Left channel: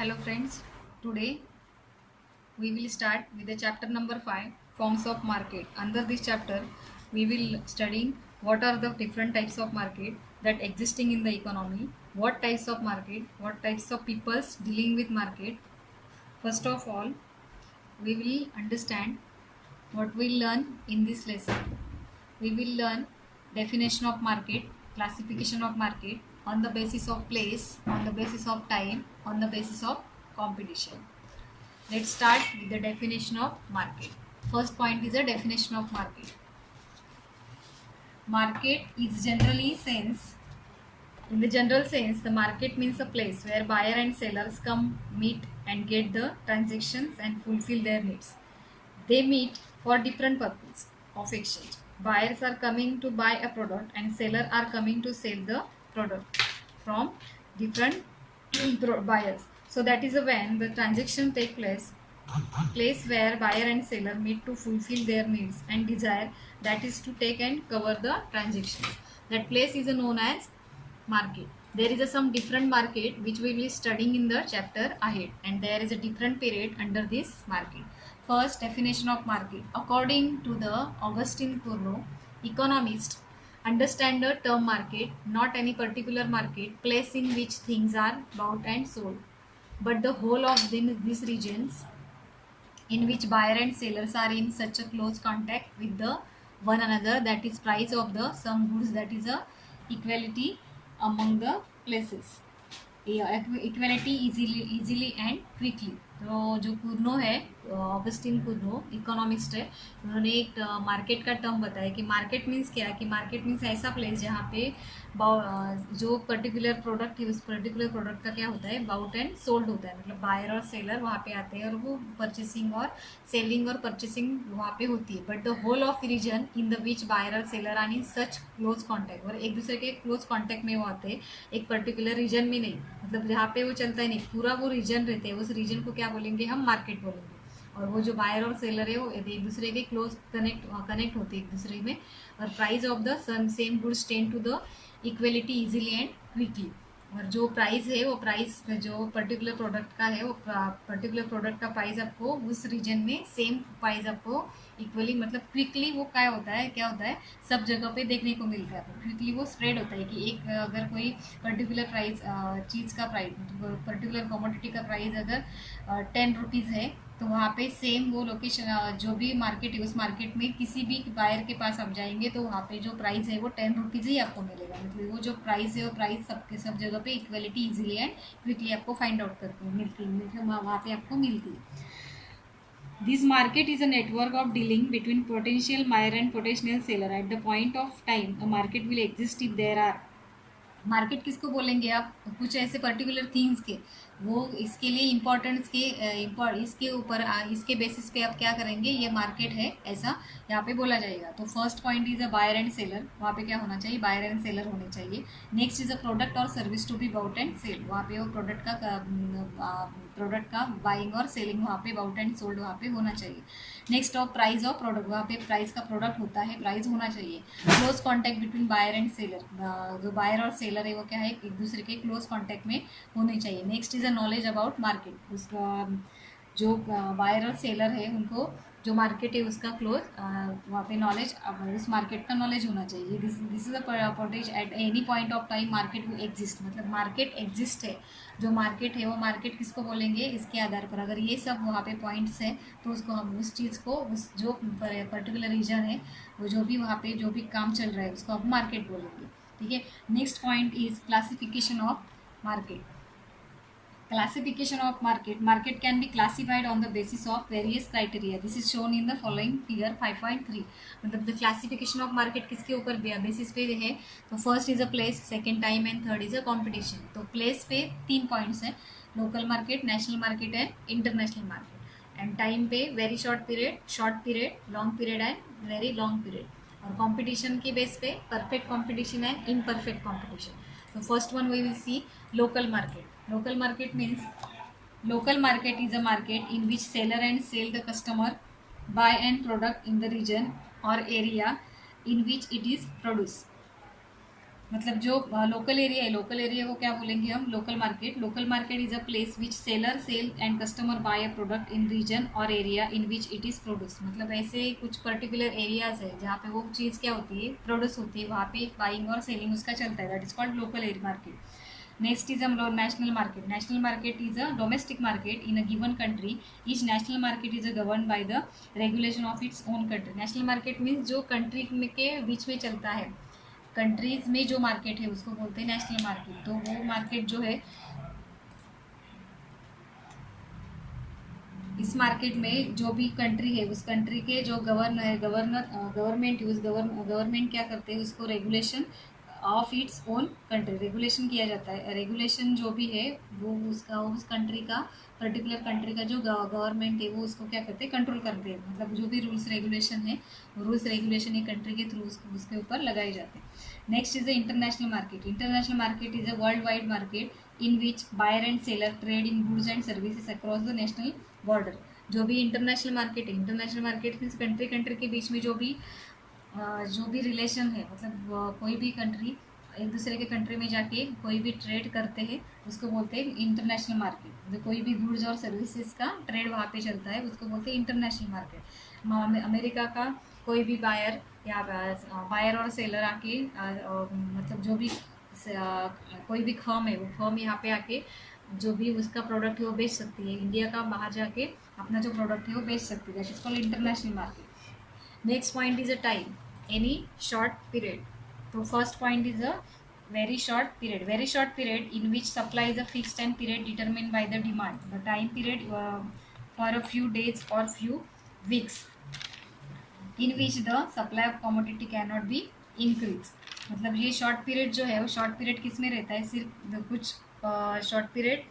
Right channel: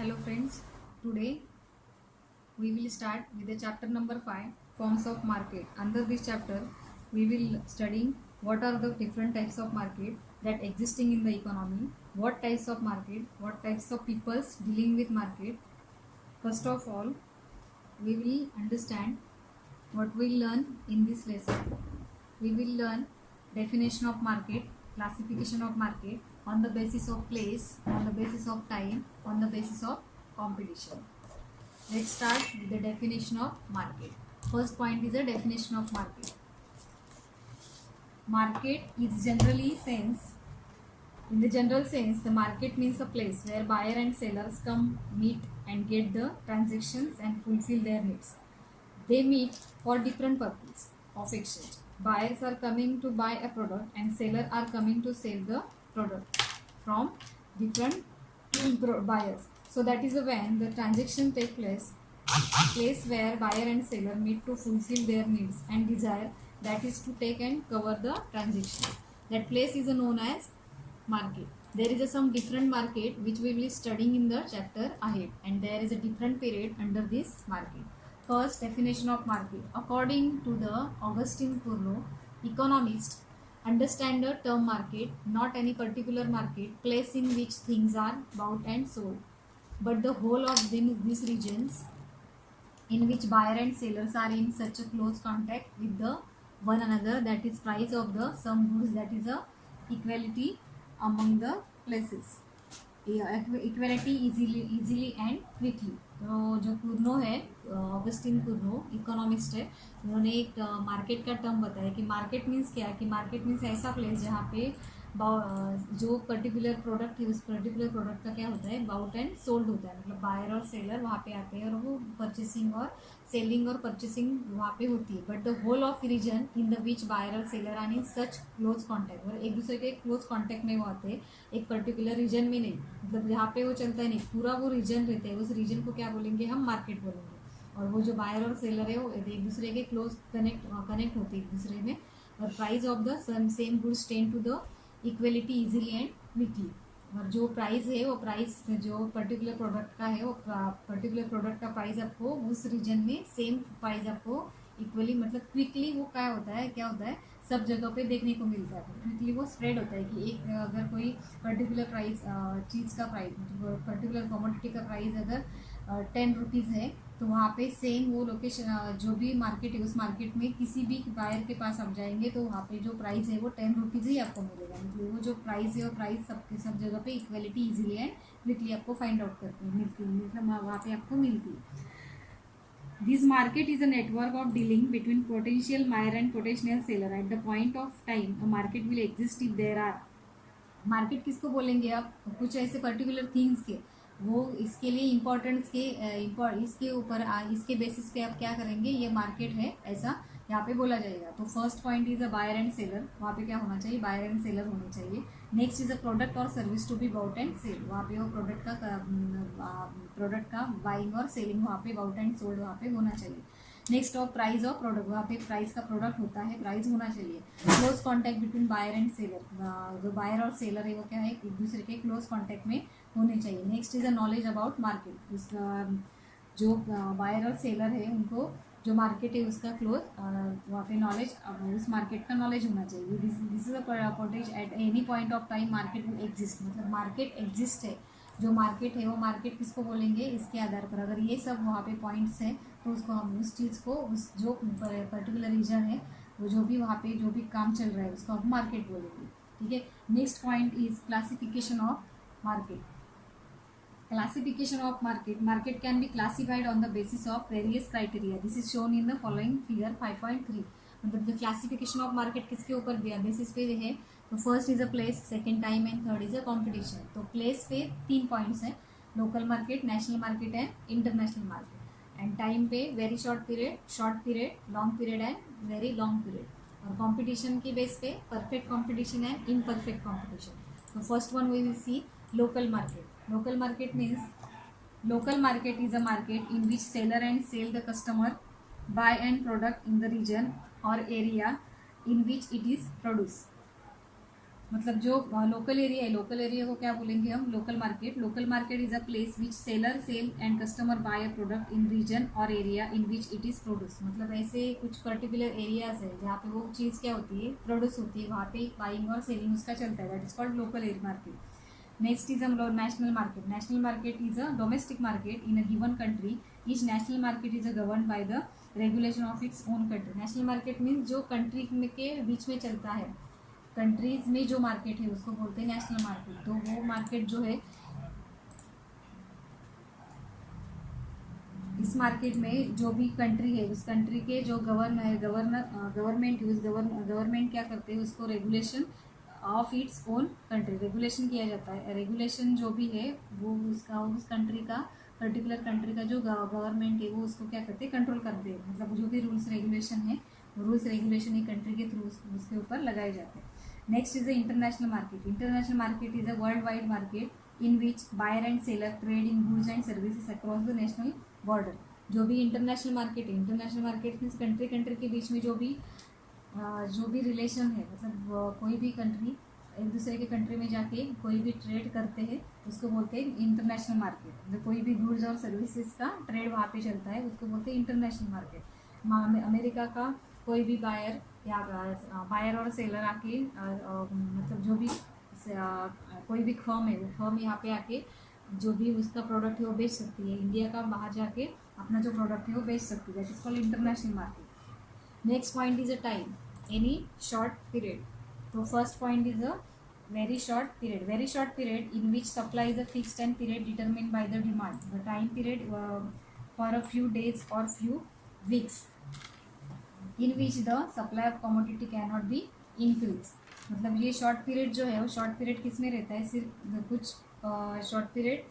Hello friends, today we will start with the chapter number 5, forms of market. Under this chapter we will studying what are the different types of market that existing in the economy, what types of market, what types of peoples dealing with market. First of all, we will understand what we learn in this lesson. We will learn definition of market, classification of market on the basis of place, on the basis of time, on the basis of competition. Let's start with the definition of market. First point is the definition of market. Market is generally sense. In the general sense, the market means a place where buyer and sellers come, meet and get the transactions and fulfill their needs. They meet for different purposes of exchange. Buyers are coming to buy a product and sellers are coming to sell the product from different buyers. So that is when the transaction take place where buyer and seller meet to fulfill their needs and desire, that is to take and cover the transaction. That place is known as market. There is some different market which we will be studying in the chapter ahead, and there is a different period under this market. First, definition of market. According to the Augustine Cournot, economist, understand the term market, not any particular market, place in which things are bought and sold, but the whole of these regions in which buyer and sellers are in such a close contact with the one another, that is price of the some goods, that is a equality among the places. Equality easily and quickly. तो जो कुर्नो है, ऑगस्टिन कुर्नो इकोनॉमिस्ट है, उन्होंने एक मार्केट का टर्म बताया कि मार्केट मीन्स क्या, कि मार्केट मीन्स ऐसा प्लेस जहाँ पे जो पर्टिकुलर प्रोडक्ट है उस पर्टिकुलर प्रोडक्ट का क्या होता है, बाउट एंड सोल्ड होता है. मतलब बायर और सेलर वहाँ पे आते हैं और वो परचेसिंग और सेलिंग और परचेसिंग वहाँ पे होती है. But the whole of region in the which buyer और seller are in such close contact, और एक दूसरे के क्लोज कॉन्टैक्ट में वो आते हैं, एक पर्टिकुलर रीजन में नहीं. मतलब जहाँ पे वो चलता है नहीं, पूरा वो रीजन रहते हैं, उस रीजन को क्या बोलेंगे हम, मार्केट बोलेंगे. और वो जो बायर और सेलर है वो एक दूसरे के क्लोज कनेक्ट होते हैं एक दूसरे में, और price of the same goods tend to the equality easily and quickly. और जो प्राइस है वो प्राइस जो पर्टिकुलर प्रोडक्ट का है, वो पर्टिकुलर प्रोडक्ट का प्राइस आपको उस रीजन में सेम प्राइस आपको इक्वली, मतलब क्विकली वो क्या होता है सब जगह पे देखने को मिलता है. क्विकली वो स्प्रेड होता है कि एक अगर कोई पर्टिकुलर प्राइस चीज़ का प्राइस, पर्टिकुलर कमोडिटी का प्राइस अगर 10 रुपीज़ है, तो वहाँ पे सेम वो लोकेशन जो भी मार्केट है उस मार्केट में किसी भी बायर के पास आप जाएंगे तो वहाँ पे जो प्राइस है वो 10 रुपीज़ ही आपको मिलेगा. मतलब वो जो प्राइस है वो प्राइस सबके सब जगह पे इक्वलिटी इजीली एंड क्विकली आपको फाइंड आउट करके मिलती है, मतलब वहाँ पे आपको मिलती है. This market is a network of dealing between potential buyer and potential seller. At the point of time, a market will exist if there are. Market किसको बोलेंगे आप, कुछ ऐसे पर्टिकुलर थिंग्स के, वो इसके लिए इम्पोर्टेंस के इसके ऊपर इसके बेसिस पे आप क्या करेंगे, ये मार्केट है ऐसा यहाँ पे बोला जाएगा. तो first point is a buyer and seller, वहाँ पे क्या होना चाहिए, बायर एंड सेलर होने चाहिए. नेक्स्ट इज अ प्रोडक्ट और service to be bought and sell, वहाँ पे वो प्रोडक्ट का बाइंग और सेलिंग वहाँ पे बाउट एंड सोल्ड वहाँ पे होना चाहिए. Next of price of product, वहाँ पे प्राइस का प्रोडक्ट होता है, प्राइस होना चाहिए. Close contact between buyer and seller, जो बायर और सेलर है वो क्या है, एक दूसरे के क्लोज कॉन्टैक्ट में होने चाहिए. Next is a knowledge about market, उसका जो बायर और सेलर है उनको जो मार्केट है उसका क्लोज वहाँ पे नॉलेज, उस मार्केट का नॉलेज होना चाहिए. This is a potential at any point of time market वो एग्जिस्ट, मतलब मार्केट एग्जिस्ट है. जो मार्केट है वो मार्केट किसको बोलेंगे, इसके आधार पर अगर ये सब वहाँ पे पॉइंट्स हैं तो उसको हम उस चीज़ को, उस जो पर्टिकुलर रीजन है वो जो भी वहाँ पे जो भी काम चल रहा है उसको हम मार्केट बोलेंगे. ठीक है. Next point is classification of market. Classification of market. Market can be classified on the basis of various criteria. This is shown in the following figure 5.3. मतलब the classification of market किसके ऊपर बेसिस पे है, तो first is a place, second time and third is a competition. तो place पे 3 points हैं, local market, national market and international market. And time पे very short period, long period and very long period. और competition की base पे perfect competition and imperfect competition. तो first one we will see local market. Local market means, local market is a market in which seller and sell the customer buy and product in the region or area in which it is produced. मतलब जो local area को क्या बोलेंगे हम, local market. Local market is a place which seller sell and customer buy a product in region और area in which it is produce. मतलब ऐसे कुछ पर्टिकुलर एरियाज है जहाँ पे वो चीज़ क्या होती है, प्रोड्यूस होती है, वहाँ पे बाइंग और सेलिंग उसका चलता है. That is called local area market. Next is a national market. National market is a domestic market in a given country. Each national market is governed by the regulation of its own country. National market means जो country में के बीच में चलता है, कंट्रीज में जो मार्केट है उसको बोलते हैं नेशनल मार्केट. तो वो मार्केट जो है, इस मार्केट में जो भी कंट्री है उस कंट्री के जो गवर्नमेंट क्या करते हैं, उसको regulation of its own country, regulation किया जाता है. रेगुलेशन जो भी है वो उसका उस कंट्री का, पर्टिकुलर कंट्री का जो गवर्नमेंट है वो उसको क्या करते हैं, कंट्रोल करते हैं. मतलब जो भी रूल्स रेगुलेशन है, रूल्स रेगुलेशन एक कंट्री के थ्रू उसके ऊपर लगाए जाते हैं. Next is the international market. International market is a worldwide market in which buyer and seller trade in goods and services across the national border. जो भी इंटरनेशनल मार्केट है, international market means country country के बीच में जो भी रिलेशन है, मतलब कोई भी कंट्री एक दूसरे के कंट्री में जाके कोई भी ट्रेड करते हैं उसको बोलते हैं इंटरनेशनल मार्केट. मतलब कोई भी गुड्स और सर्विसेज का ट्रेड वहाँ पे चलता है उसको बोलते हैं इंटरनेशनल मार्केट. अमेरिका का कोई भी बायर और सेलर आके मतलब जो भी कोई भी फर्म है वो फर्म यहाँ पे आके जो भी उसका प्रोडक्ट है वो बेच सकती है. इंडिया का बाहर जाके अपना जो प्रोडक्ट है वो बेच सकती है. That is called international market. Next point is a time, any short period. So first point is a very short period. Very short period in which supply is a fixed and period determined by the demand. The time period for a few days or few weeks in which the supply of commodity cannot be increased. मतलब ये short period जो है वो short period किस में रहता है, सिर्फ कुछ short period.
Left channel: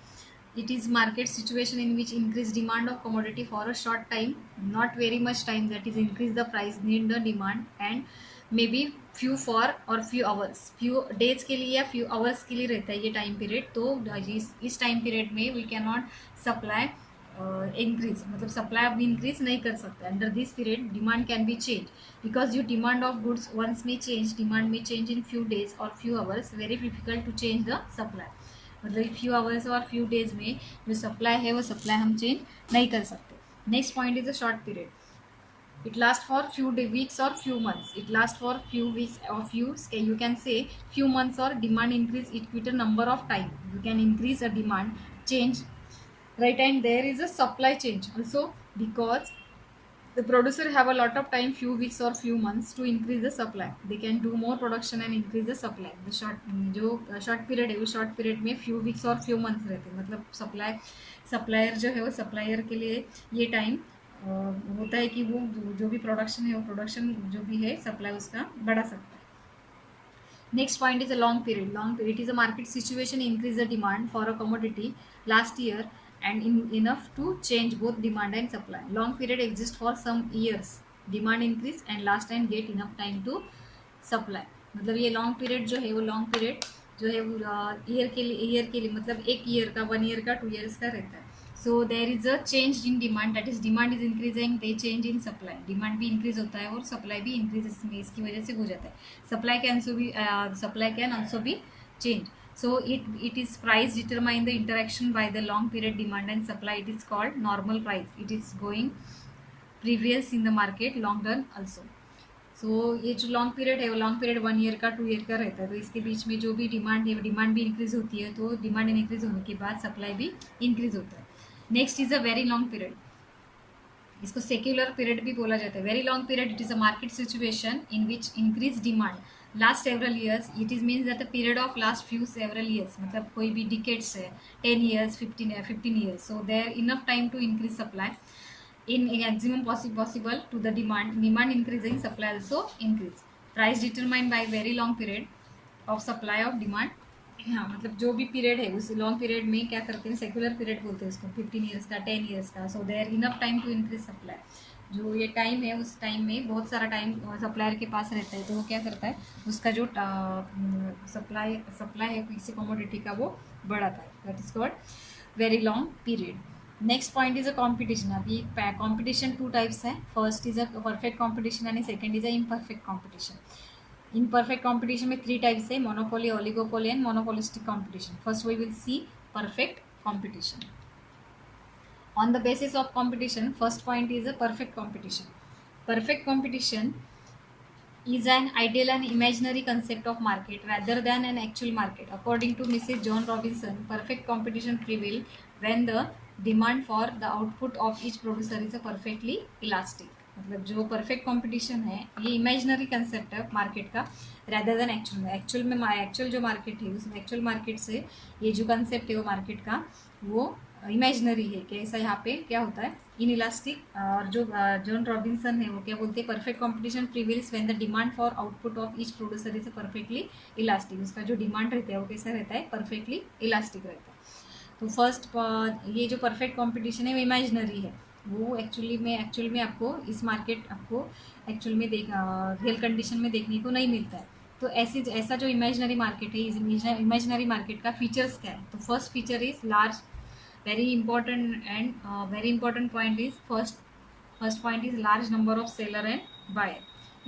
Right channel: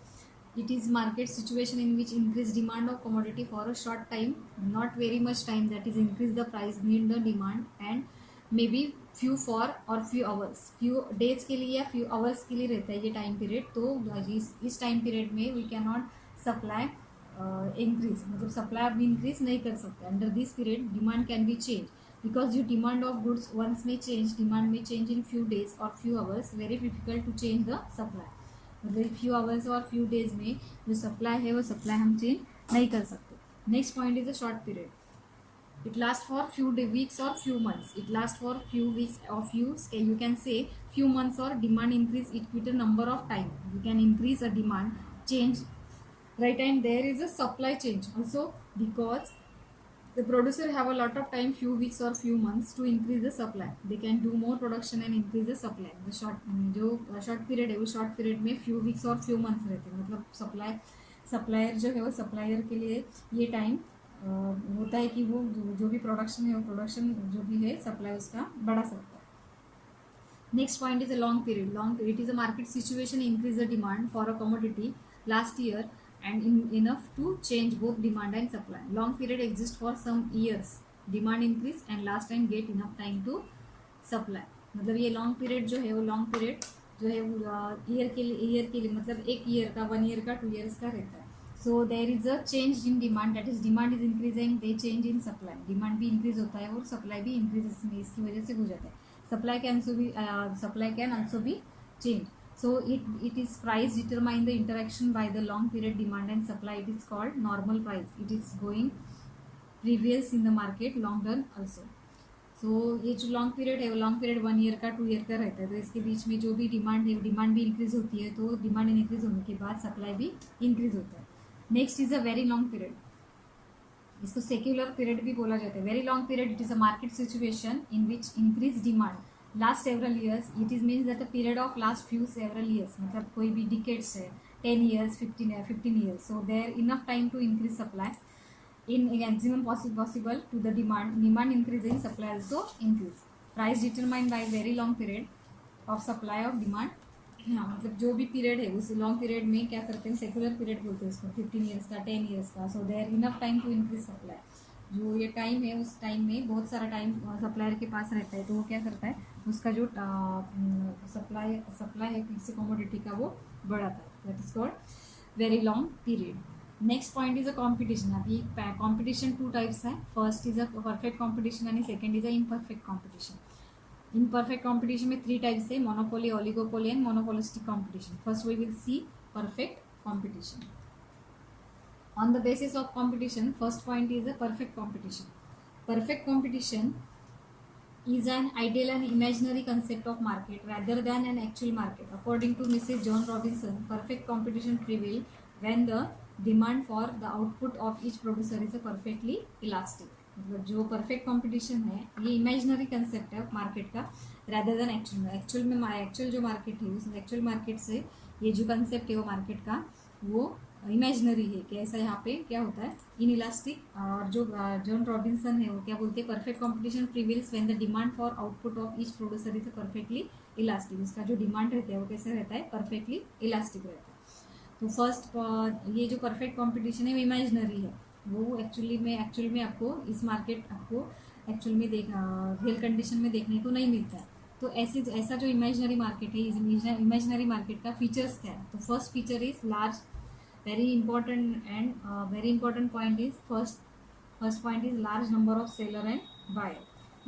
It is market situation in which increase demand of commodity for a short time, not very much time, that is increase the price need the demand and maybe few for or few hours, few days के लिए या few hours के लिए रहता है ये time period. तो इस टाइम पीरियड में we cannot supply increase, मतलब सप्लाई अब इंक्रीज नहीं कर सकते. Under this period demand can be change because you demand of goods once में चेंज, डिमांड में चेंज इन फ्यू डेज और few hours, very difficult to change the supply. मतलब few hours और few days में जो सप्लाई है वो सप्लाई हम चेंज नहीं कर सकते. Next point is a short period. It lasts for few weeks or few months. It lasts for few weeks or you can say few months or demand increase it with a number of time. You can increase a demand change, right? And there is a supply change also because the producer have a lot of time, few weeks or few months to increase the supply. They can do more production and increase the supply. The जो short period है वो short period में few weeks और few months रहते हैं. मतलब सप्लायर जो है वो सप्लायर के लिए ये टाइम होता है कि वो जो भी प्रोडक्शन है वो प्रोडक्शन जो भी है सप्लाई उसका बढ़ा सकता है. Next point is a long period. Long period is a market situation increase the demand for a commodity last year and enough to change both demand and supply. Long period exists for some years, demand increase and last and get enough time to supply. मतलब ये long period जो है वो long period जो है ईयर के लिए मतलब एक ईयर का, 1 ईयर का, 2 ईयर्स का रहता है. So there is a change in demand, that is demand is increasing, they change in supply. Demand भी इंक्रीज होता है और सप्लाई भी इंक्रीज इसकी वजह से हो जाता है. Supply can also be change. So it is price determine the interaction by the long period demand and supply. It is called normal price. It is going previous in the market long run also. So ये जो long period है वो long period 1 ईयर का, 2 ईयर का रहता है. तो इसके बीच में जो भी डिमांड है डिमांड भी इंक्रीज होती है. तो डिमांड इंक्रीज होने के बाद सप्लाई भी इंक्रीज होता है. Next is a very long period. इसको सेक्युलर पीरियड भी बोला जाता है. Very long period it is a market situation in which increase demand last several years. It is means that the period of last few several years, मतलब कोई भी decades है, 10 years, 15 years. So there enough time to increase supply in maximum possible to the demand increasing, supply also increase. Price determined by very long period of supply of demand. हाँ, मतलब जो भी पीरियड है उस लॉन्ग पीरियड में क्या करते हैं, सेक्युलर पीरियड बोलते हैं उसको, 15 ईयर्स का, 10 ईयर्स का. So there enough time to increase supply. जो ये टाइम है उस टाइम में बहुत सारा टाइम सप्लायर के पास रहता है. तो वो क्या करता है, उसका जो सप्लाई है किसी कमोडिटी का वो बढ़ाता है. That is called very long period. Next point is a competition. अभी कॉम्पिटिशन 2 टाइप्स है. First is a perfect competition and second is a imperfect competition. In perfect competition में 3 टाइप्स है, monopoly, oligopoly and monopolistic competition. First we will see perfect competition. On the basis of competition, first point is a perfect competition. Perfect competition is an ideal and imaginary concept of market rather than an actual market. According to Mrs. John Robinson, perfect competition prevails when the demand for the output of each producer is a perfectly elastic. मतलब जो perfect competition है ये imaginary concept है मार्केट का rather than actual में. एक्चुअल जो मार्केट है उस एक्चुअल मार्केट से ये जो कंसेप्ट है वो मार्केट का वो इमेजिनरी है कि ऐसा यहाँ पे क्या होता है इन इलास्टिक. और जो जॉन रॉबिन्सन है वो क्या बोलते हैं, perfect competition prevails when the demand for output of each producer is perfectly elastic. उसका जो डिमांड रहता है वो कैसा रहता है, परफेक्टली इलास्टिक रहता है. तो फर्स्ट ये जो परफेक्ट कंपटीशन है वो इमेजिनरी है, वो एक्चुअल में आपको इस मार्केट आपको एक्चुअल में रियल कंडीशन में देखने को नहीं मिलता है. तो ऐसा जो इमेजिनरी मार्केट है, इस इमेजिनरी मार्केट का फीचर्स क्या है. तो first feature is large, very important and very important point is first point is large number of seller and buyer.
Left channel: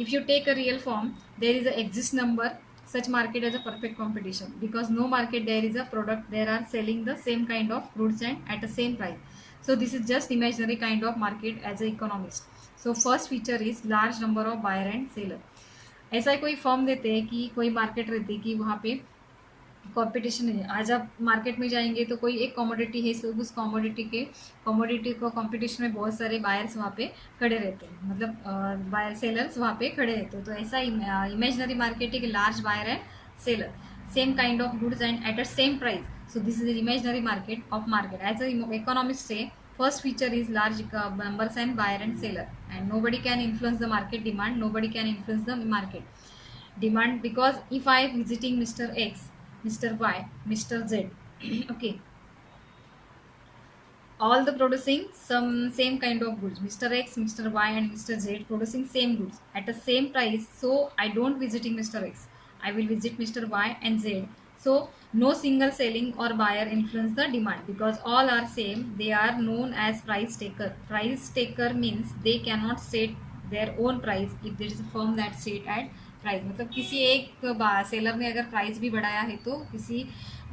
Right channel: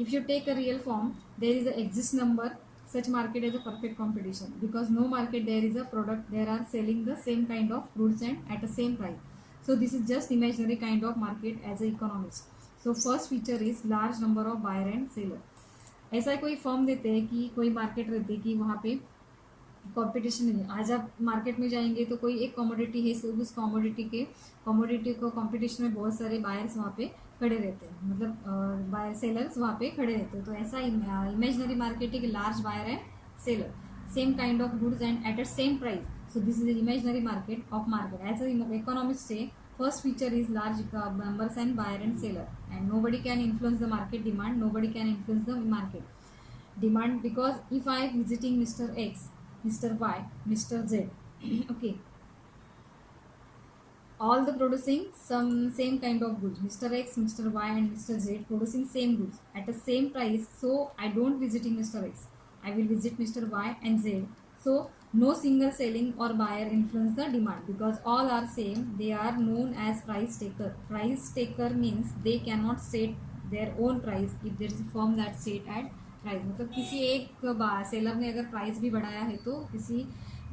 If you take a real form, there is a exist number such market as a perfect competition because no market there is a product there are selling the same kind of goods and at the same price. So this is just imaginary kind of market as an economist. So first feature is large number of buyer and seller. ऐसा कोई फॉर्म देते हैं कि कोई मार्केट रहती है कि वहाँ पे कंपटीशन है. आज आप मार्केट में जाएंगे तो कोई एक कमोडिटी है, उस कमोडिटी को कंपटीशन में बहुत सारे बायर्स वहाँ पे खड़े रहते हैं, मतलब बायर सेलर्स वहाँ पे खड़े रहते हैं. तो ऐसा इमेजिनरी मार्केट है कि large buyer and seller same kind of goods and at a same price. So this is imaginary market of market. As a economist से first feature is large numbers and buyer and seller and nobody can influence the market demand, nobody can influence the market demand because if I am visiting Mr. X, Mr. Y, Mr. Z, okay, all the producing some same kind of goods, Mr. X, Mr. Y and Mr. Z producing same goods at the same price. So I don't visiting Mr. X, I will visit Mr. Y and Z. So no single selling or buyer influence the demand because all are same. They are known as price taker. Price taker means they cannot set their own price if there is a firm that set at price. मतलब किसी एक सेलर ने अगर प्राइस भी बढ़ाया है तो किसी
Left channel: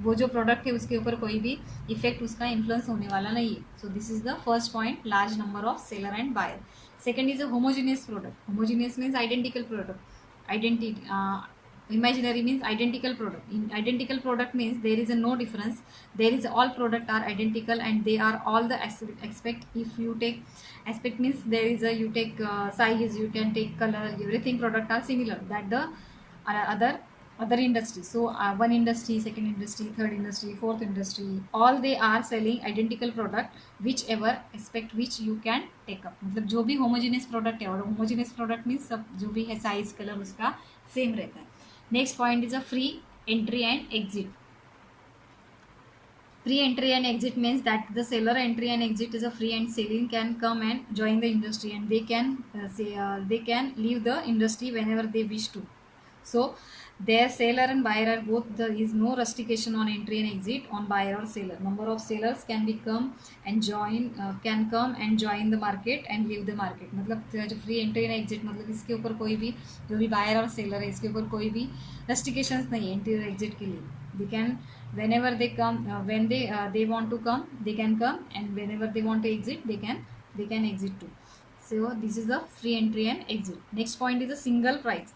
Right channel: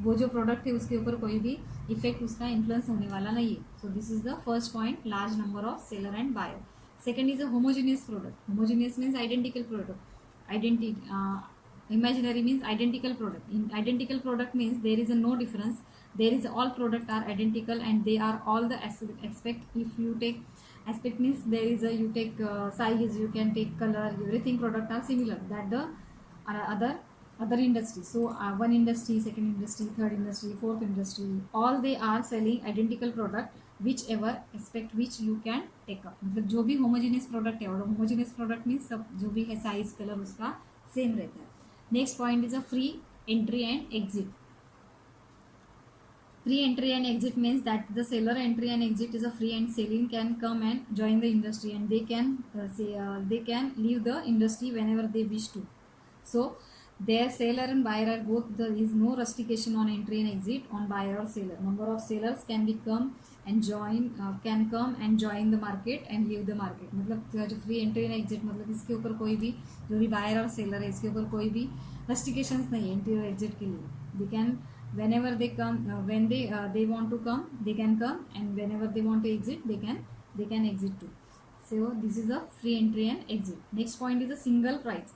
वो जो प्रोडक्ट है उसके ऊपर कोई भी इफेक्ट उसका इन्फ्लुएंस होने वाला नहीं है. So this is the first point, large number of seller and buyer. Second is a homogeneous product. Homogeneous means identical product. Imaginary means identical product. In identical product means there is a no difference, there is all product are identical and they are all the aspect. If you take aspect means there is a you take size, you can take color, everything product are similar that the other industry. So one industry, second industry, third industry, fourth industry, all they are selling identical product whichever aspect which you can take up. मतलब जो भी homogeneous product है, और homogeneous product means सब जो भी है size color उसका same रहता है. Next point is a free entry and exit. Free entry and exit means that the seller entry and exit is a free and selling can come and join the industry and they can leave the industry whenever they wish to. So their seller and buyer are both, there is no restriction on entry and exit on buyer or seller. Number of sellers can come and join the market and leave the market. मतलब जो free entry and exit मतलब इसके ऊपर कोई भी जो भी buyer और seller है इसके ऊपर कोई भी restrictions नहीं है entry और exit के लिए. They can whenever they come when they want to come they can come and whenever they want to exit they can exit too. So this is the free entry and exit. Next point is a single price.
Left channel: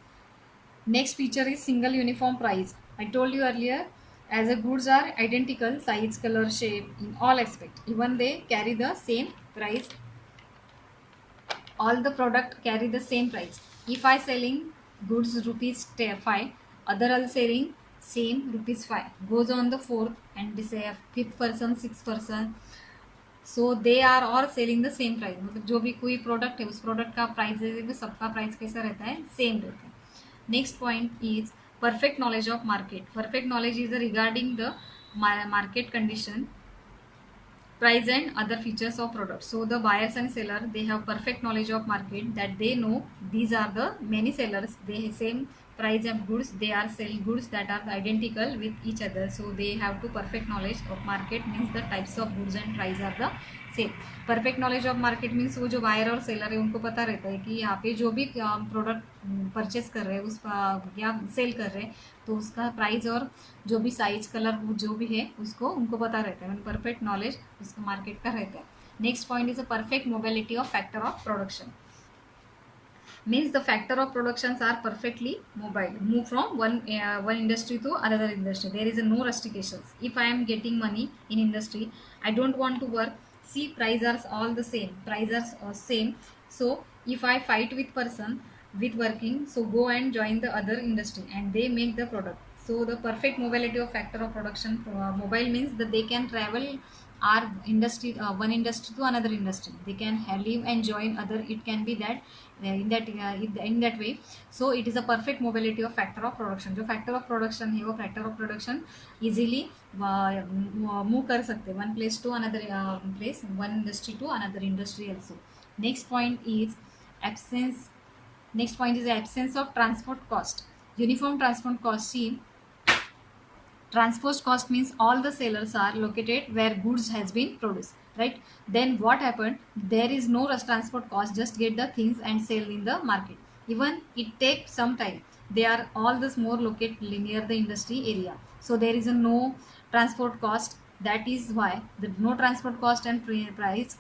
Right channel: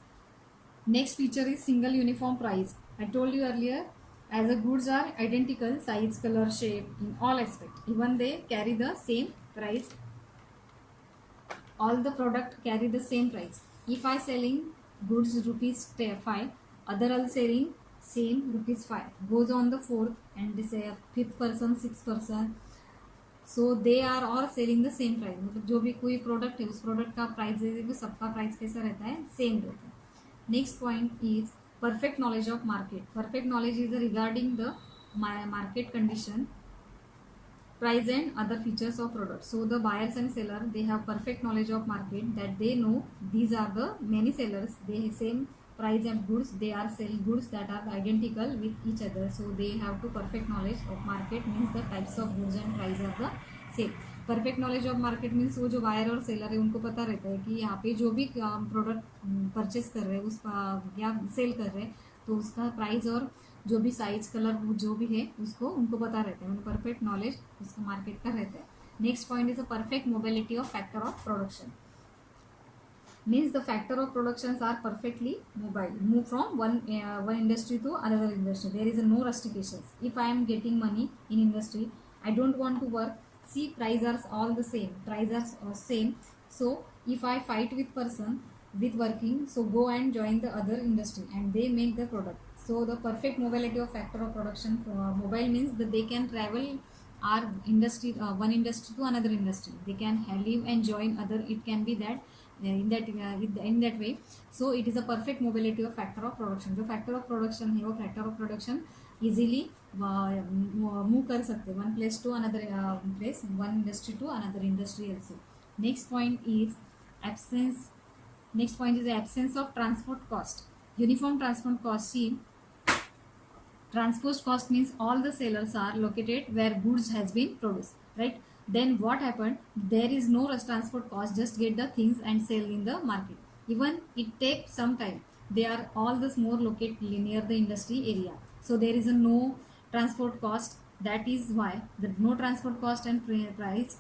Next feature is single uniform price. I told you earlier, as the goods are identical, size, color, shape, in all aspects, even they carry the same price. All the product carry the same price. If I selling goods rupees 5, other are selling same rupees 5. Goes on the fourth and they say fifth person, sixth person. So they are all selling the same price. मतलब जो भी कोई प्रोडक्ट है उस प्रोडक्ट का प्राइस है वो सबका प्राइस कैसा रहता है, सेम रहता है. Next point is perfect knowledge of market. Perfect knowledge is regarding the market condition, price and other features of product. So the buyers and seller they have perfect knowledge of market that they know these are the many sellers, they same price of goods, they are sell goods that are identical with each other, so they have to perfect knowledge of market means the types of goods and price of the sale. Perfect knowledge of market means वो जो buyer और seller है उनको पता रहता है कि यहाँ पे जो भी प्रोडक्ट परचेस कर रहे हैं उस या सेल कर रहे हैं तो उसका प्राइस और जो भी साइज कलर जो भी है उसको उनको पता रहता है, परफेक्ट नॉलेज उसको मार्केट का रहता है. Next point is a perfect mobility of factor of production. Means the factor of productions are perfectly mobile, move from one industry to another industry. There is no restrictions. If I am getting money in industry, I don't want to work. See, prices are all the same, prices are same. So if I fight with person with working, so go and join the other industry and they make the product. So the perfect mobility of factor of production, mobile means that they can travel our industry, one industry to another industry. They can live and join other. It can be that in that way. So it is a perfect mobility of factor of production. जो factor of production है वो factor of production easily move कर सकते, one place to another place, one industry to another industry also. Next point is absence. Next point is the absence of transport cost. Uniform transport cost. See, transport cost means all the sellers are located where goods has been produced, right? Then what happened, there is no transport cost, just get the things and sell in the market. Even it takes some time, they are all this more located near the industry area, so there is a no transport cost. That is why the no transport cost and price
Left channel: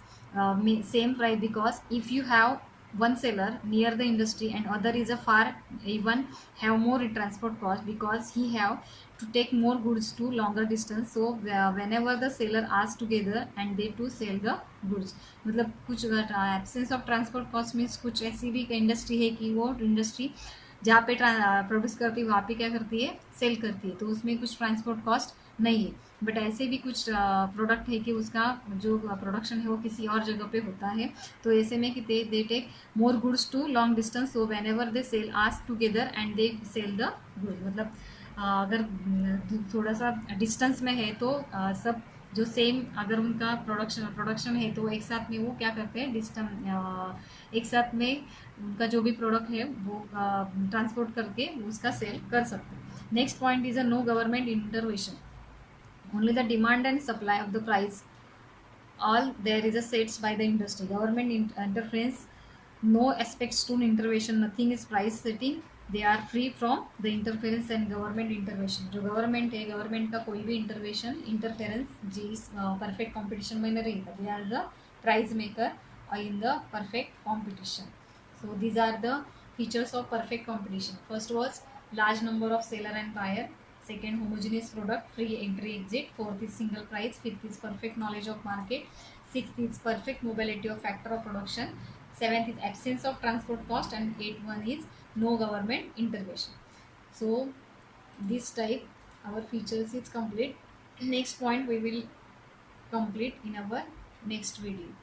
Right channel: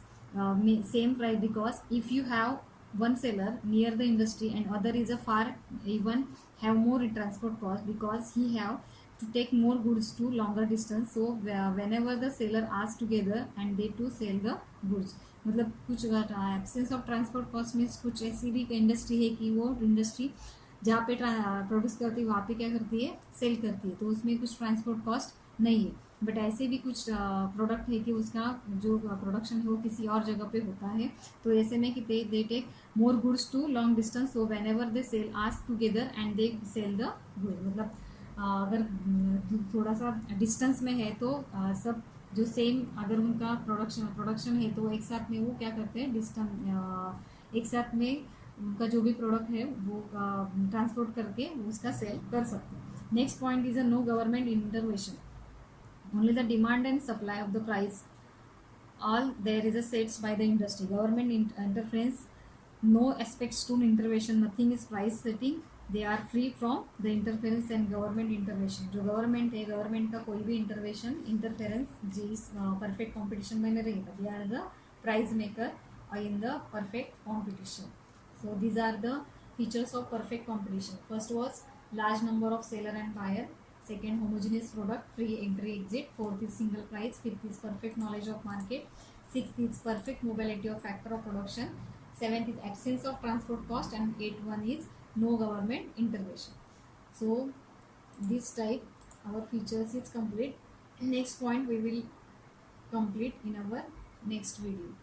same price, because if you have one seller near the industry and other is a far, even have more transport cost because he have to take more goods to longer distance. So whenever the seller asks together and they to sell the goods, मतलब कुछ absence of transport cost means कुछ ऐसी भी इंडस्ट्री है कि वो इंडस्ट्री जहाँ पे प्रोड्यूस करती है वहाँ पे क्या करती है, सेल करती है, तो उसमें कुछ ट्रांसपोर्ट कॉस्ट नहीं है. बट ऐसे भी कुछ प्रोडक्ट है कि उसका जो प्रोडक्शन है वो किसी और जगह पे होता है, तो ऐसे में कि they take more goods to long distance. So whenever they sell ask together and they sell the good. मतलब अगर थोड़ा सा डिस्टेंस में है तो सब जो सेम अगर उनका प्रोडक्शन है तो एक साथ में वो क्या करते हैं, डिस्टेंस एक साथ में उनका जो भी प्रोडक्ट है वो ट्रांसपोर्ट करके उसका सेल कर सकते हैं. Next point is a no government intervention. Only the demand and supply of the price, all there is a sets by the industry. Government interference, no aspects to intervention, nothing is price setting. They are free from the interference and government intervention. जो गवर्नमेंट है, गवर्नमेंट का कोई भी interference जिस perfect competition में नहीं रहेगा. They are the price maker in the perfect competition. So these are the features of perfect competition. First was large number of seller and buyer. Second, homogeneous product, free entry exit. Fourth is single price. Fifth is perfect knowledge of market. Sixth is perfect mobility of factor of production. Seventh is absence of transport cost, and eighth one is no government intervention. So this type our features is complete. Next point we will complete in our next video.